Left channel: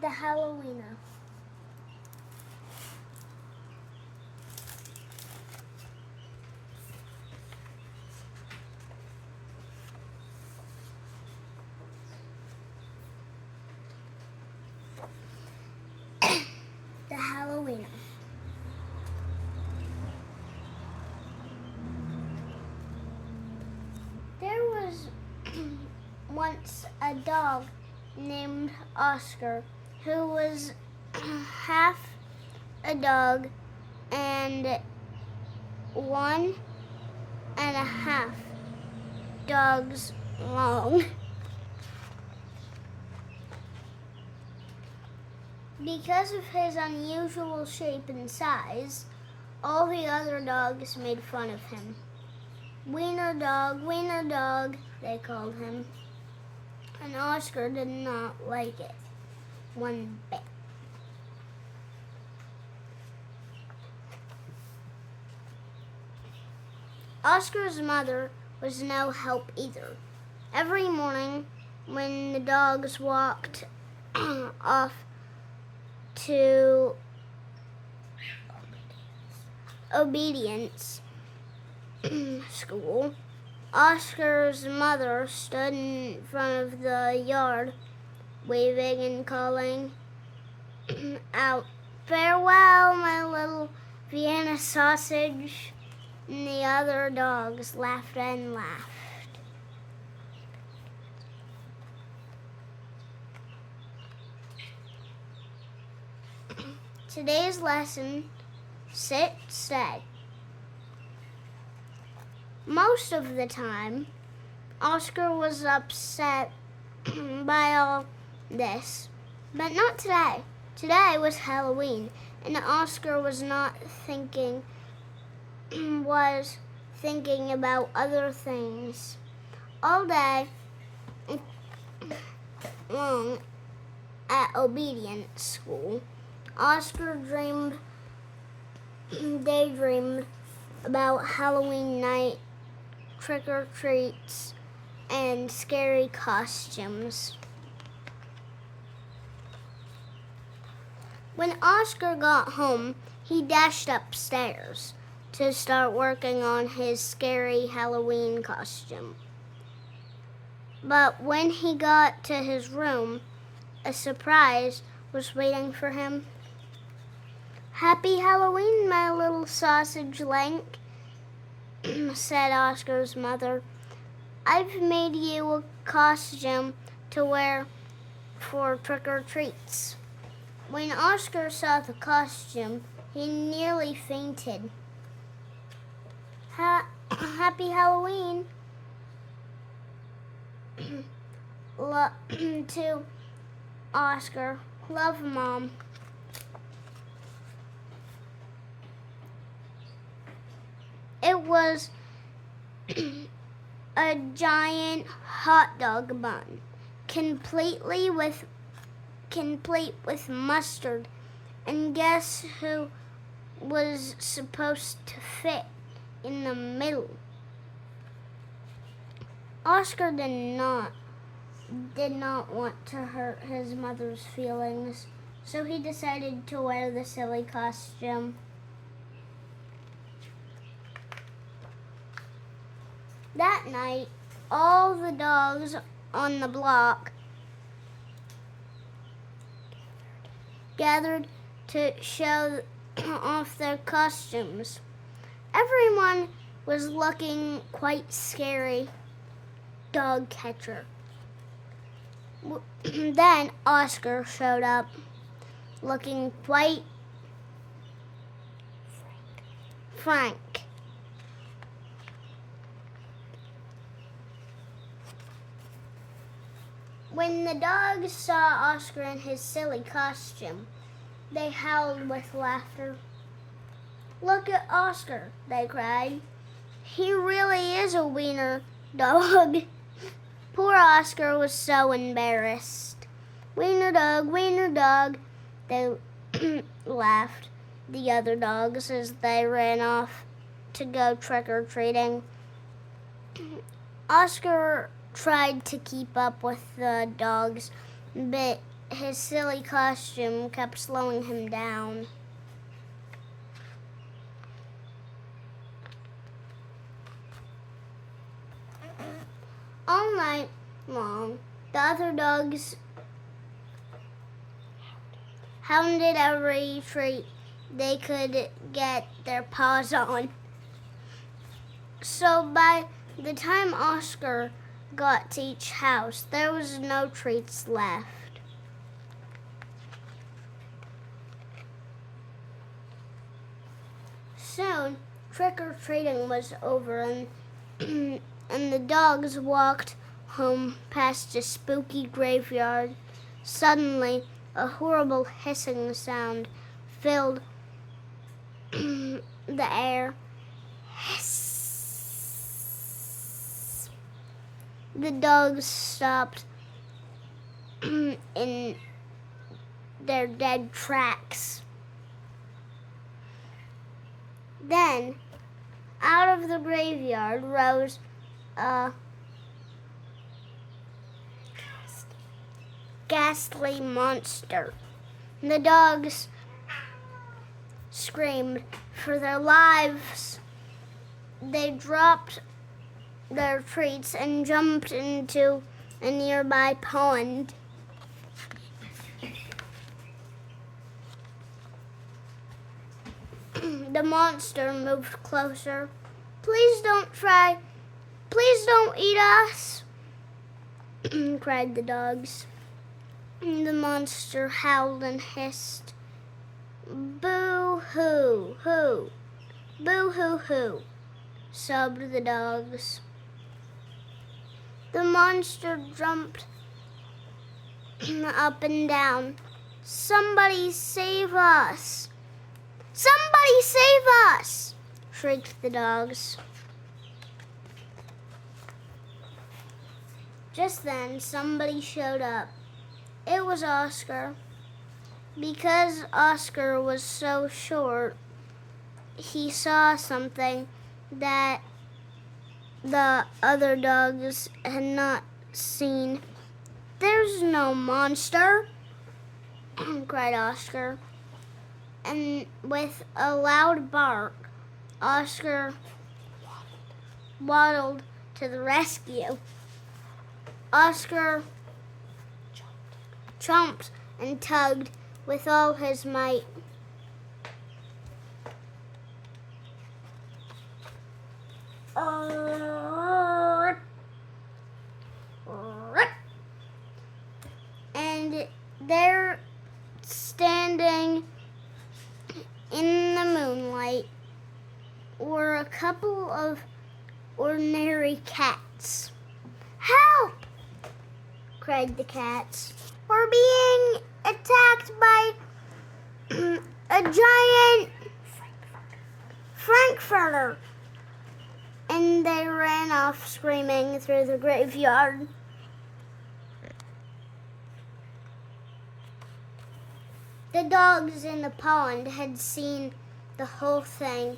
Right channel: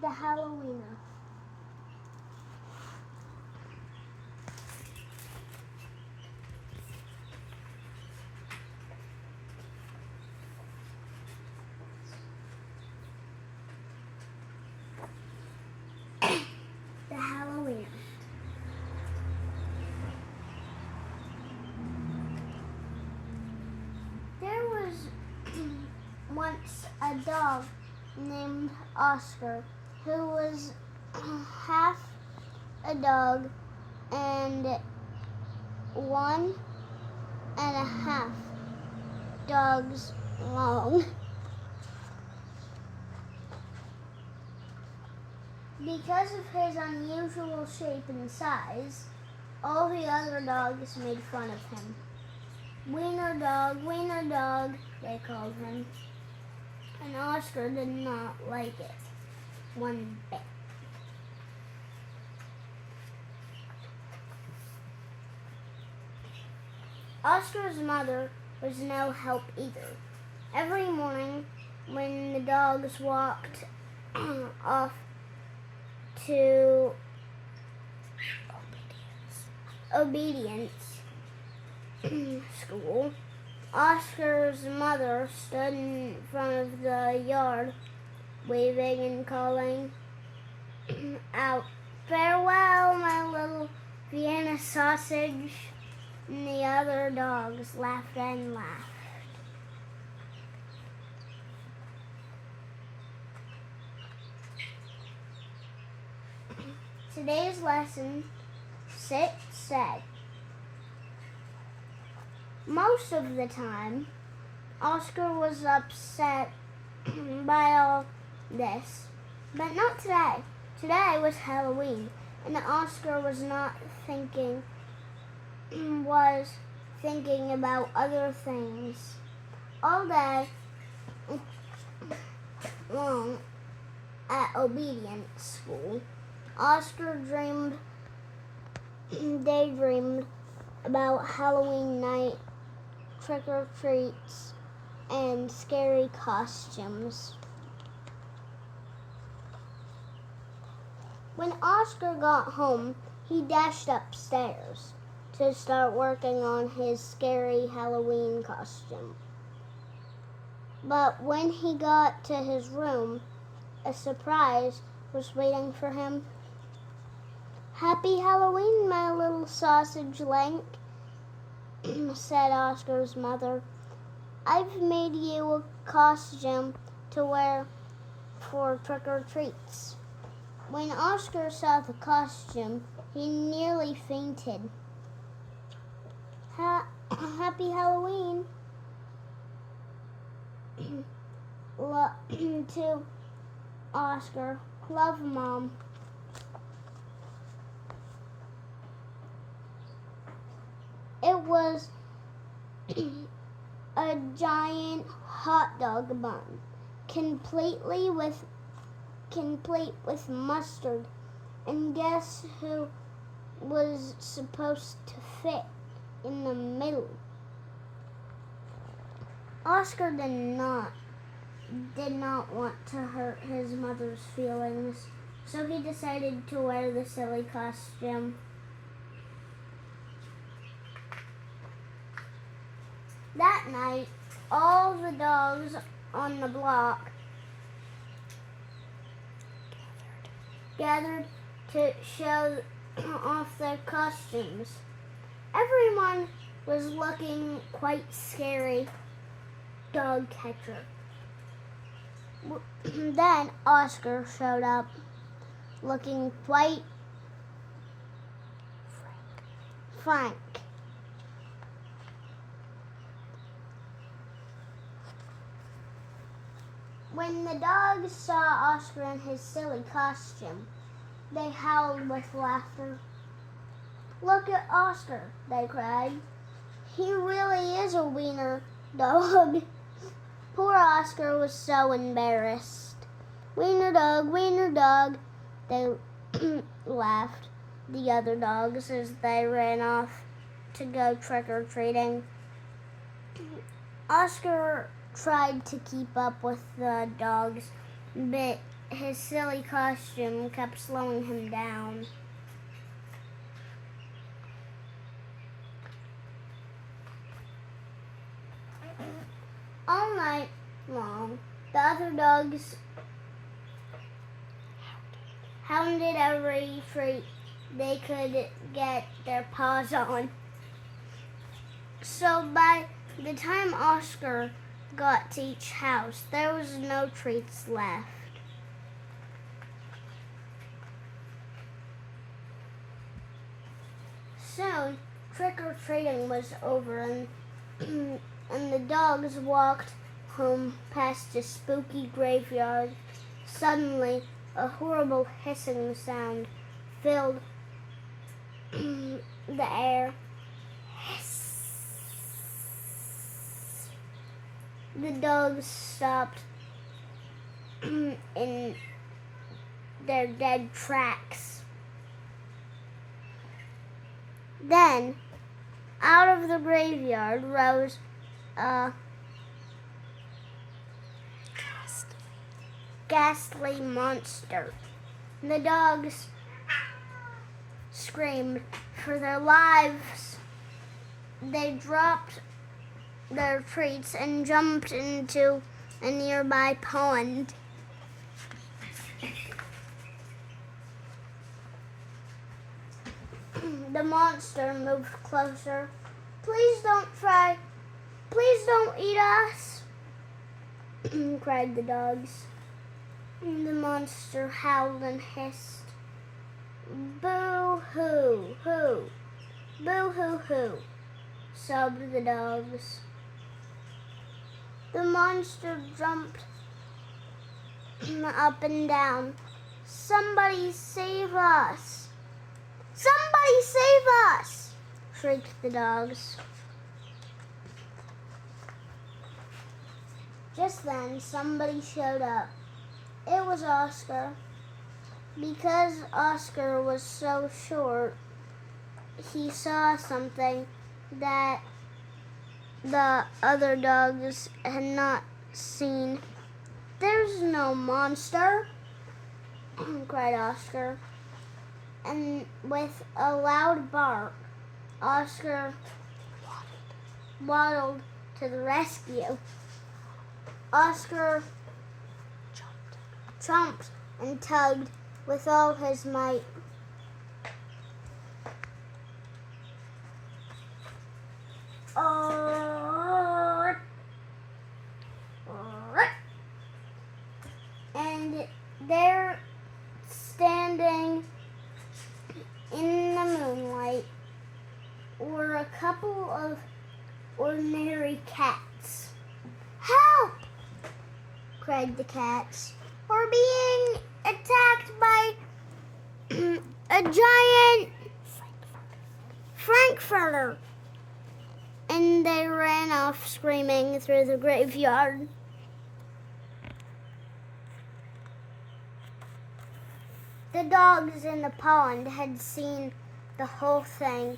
The Hallo-wiener. The Hallo-wiener. There was once a dog named Oscar who was half a dog and 1.5 dogs long. Because of his unusual shape and size, all the other dogs made fun of him. Wiener dog, they called him. And Oscar did not like it one bit. Oscar's mother was no help either. Every morning, when the dogs walked off to obedience school, Oscar's mother stood in front of the yard, waving and calling out, "Farewell, my little Vienna sausage." And the other dogs laughed and laughed. Today's lesson, sit, stay. Most of the time, Oscar was upset by all this, but not today. Today was Halloween, and Oscar was not thinking about other things. All day long at obedience school, Oscar daydreamed about Halloween night, trick-or-treats, and scary costumes. When Oscar got home, he dashed upstairs to start working on his scary Halloween costume. But when he got to his room, a surprise was waiting for him. "Happy Halloween, my little sausage link," said Oscar's mother. "I've made you a costume to wear for trick-or-treats." When Oscar saw the costume, he nearly fainted. Happy Halloween to Oscar. Love, Mom. It was a giant hot dog bun, complete with mustard, and guess who was supposed to fit in the middle? Oscar did not want to hurt his mother's feelings, so he decided to wear the silly costume. That night, all the dogs on the block gathered to show off their costumes. Everyone was looking quite scary. Dog catcher. Then Oscar showed up, looking quite frank. When the dogs saw Oscar in his silly costume, they howled with laughter. "Look at Oscar," they cried. "He really is a wiener dog." Poor Oscar was so embarrassed. Wiener dog," they laughed, the other dogs, as they ran off to go trick-or-treating. Oscar tried to keep up with the dogs, but his silly costume kept slowing him down. All night long, the other dogs hounded every treat they could get their paws on. So by the time Oscar got to each house, there was no treats left. Soon, trick-or-treating was over and the dogs walked home past a spooky graveyard. Suddenly, a horrible hissing sound filled the air. Hiss. The dogs stopped in their dead tracks. Then, out of the graveyard rose a ghastly monster. The dogs screamed for their lives. They dropped their treats and jumped into a nearby pond. The monster moved closer. "Please don't try. Please don't eat us," cried the dogs. The monster howled and hissed. "Boo-hoo, hoo. Boo-hoo, hoo," sobbed the dogs. The monster jumped up and down. "Somebody save us! Somebody save us!" shrieked the dogs. Just then, somebody showed up. It was Oscar. Because Oscar was so short, he saw something that the other dogs had not seen. "There's no monster," cried Oscar. And with a loud bark, Oscar waddled to the rescue. Oscar chomped and tugged with all his might. And there, standing in the moonlight, were a couple of ordinary cats. "Help!" cried the cats. "We're being attacked by a giant frankfurter." And they ran off screaming through the graveyard. The dogs in the pond had seen the whole thing,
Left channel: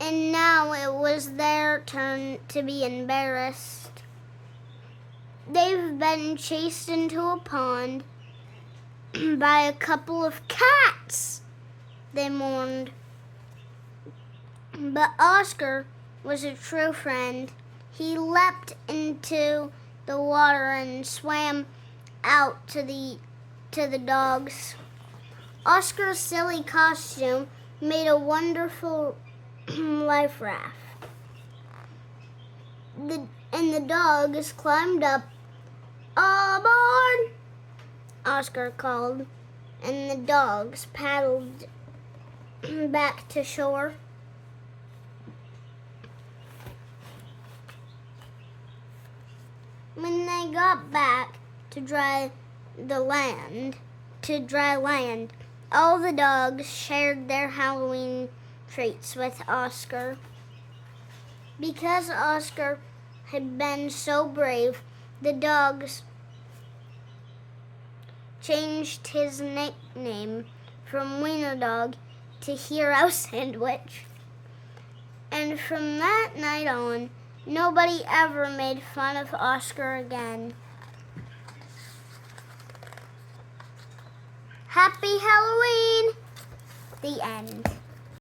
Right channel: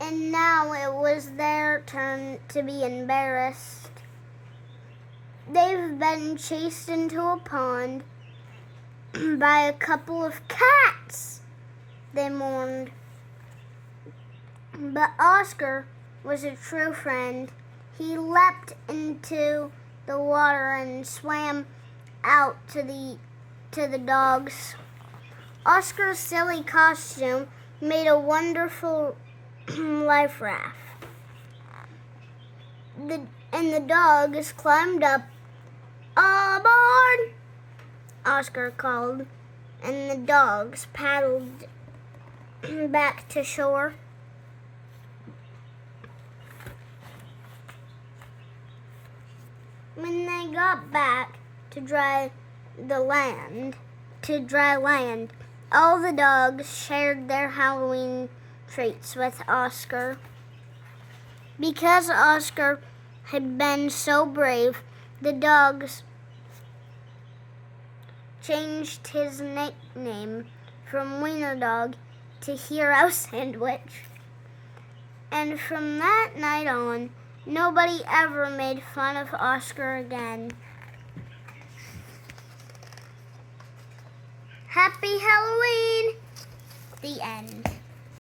and now it was their turn to be embarrassed. "They've been chased into a pond by a couple of cats," they mourned. But Oscar was a true friend. He leapt into the water and swam out to the dogs. Oscar's silly costume made a wonderful life raft. And the dogs climbed up. "Aboard!" Oscar called, and the dogs paddled back to shore. When they got back to dry land, all the dogs shared their Halloween treats with Oscar. Because Oscar had been so brave, the dogs changed his nickname from Wiener Dog to Hero Sandwich. And from that night on, nobody ever made fun of Oscar again. Happy Halloween! The end.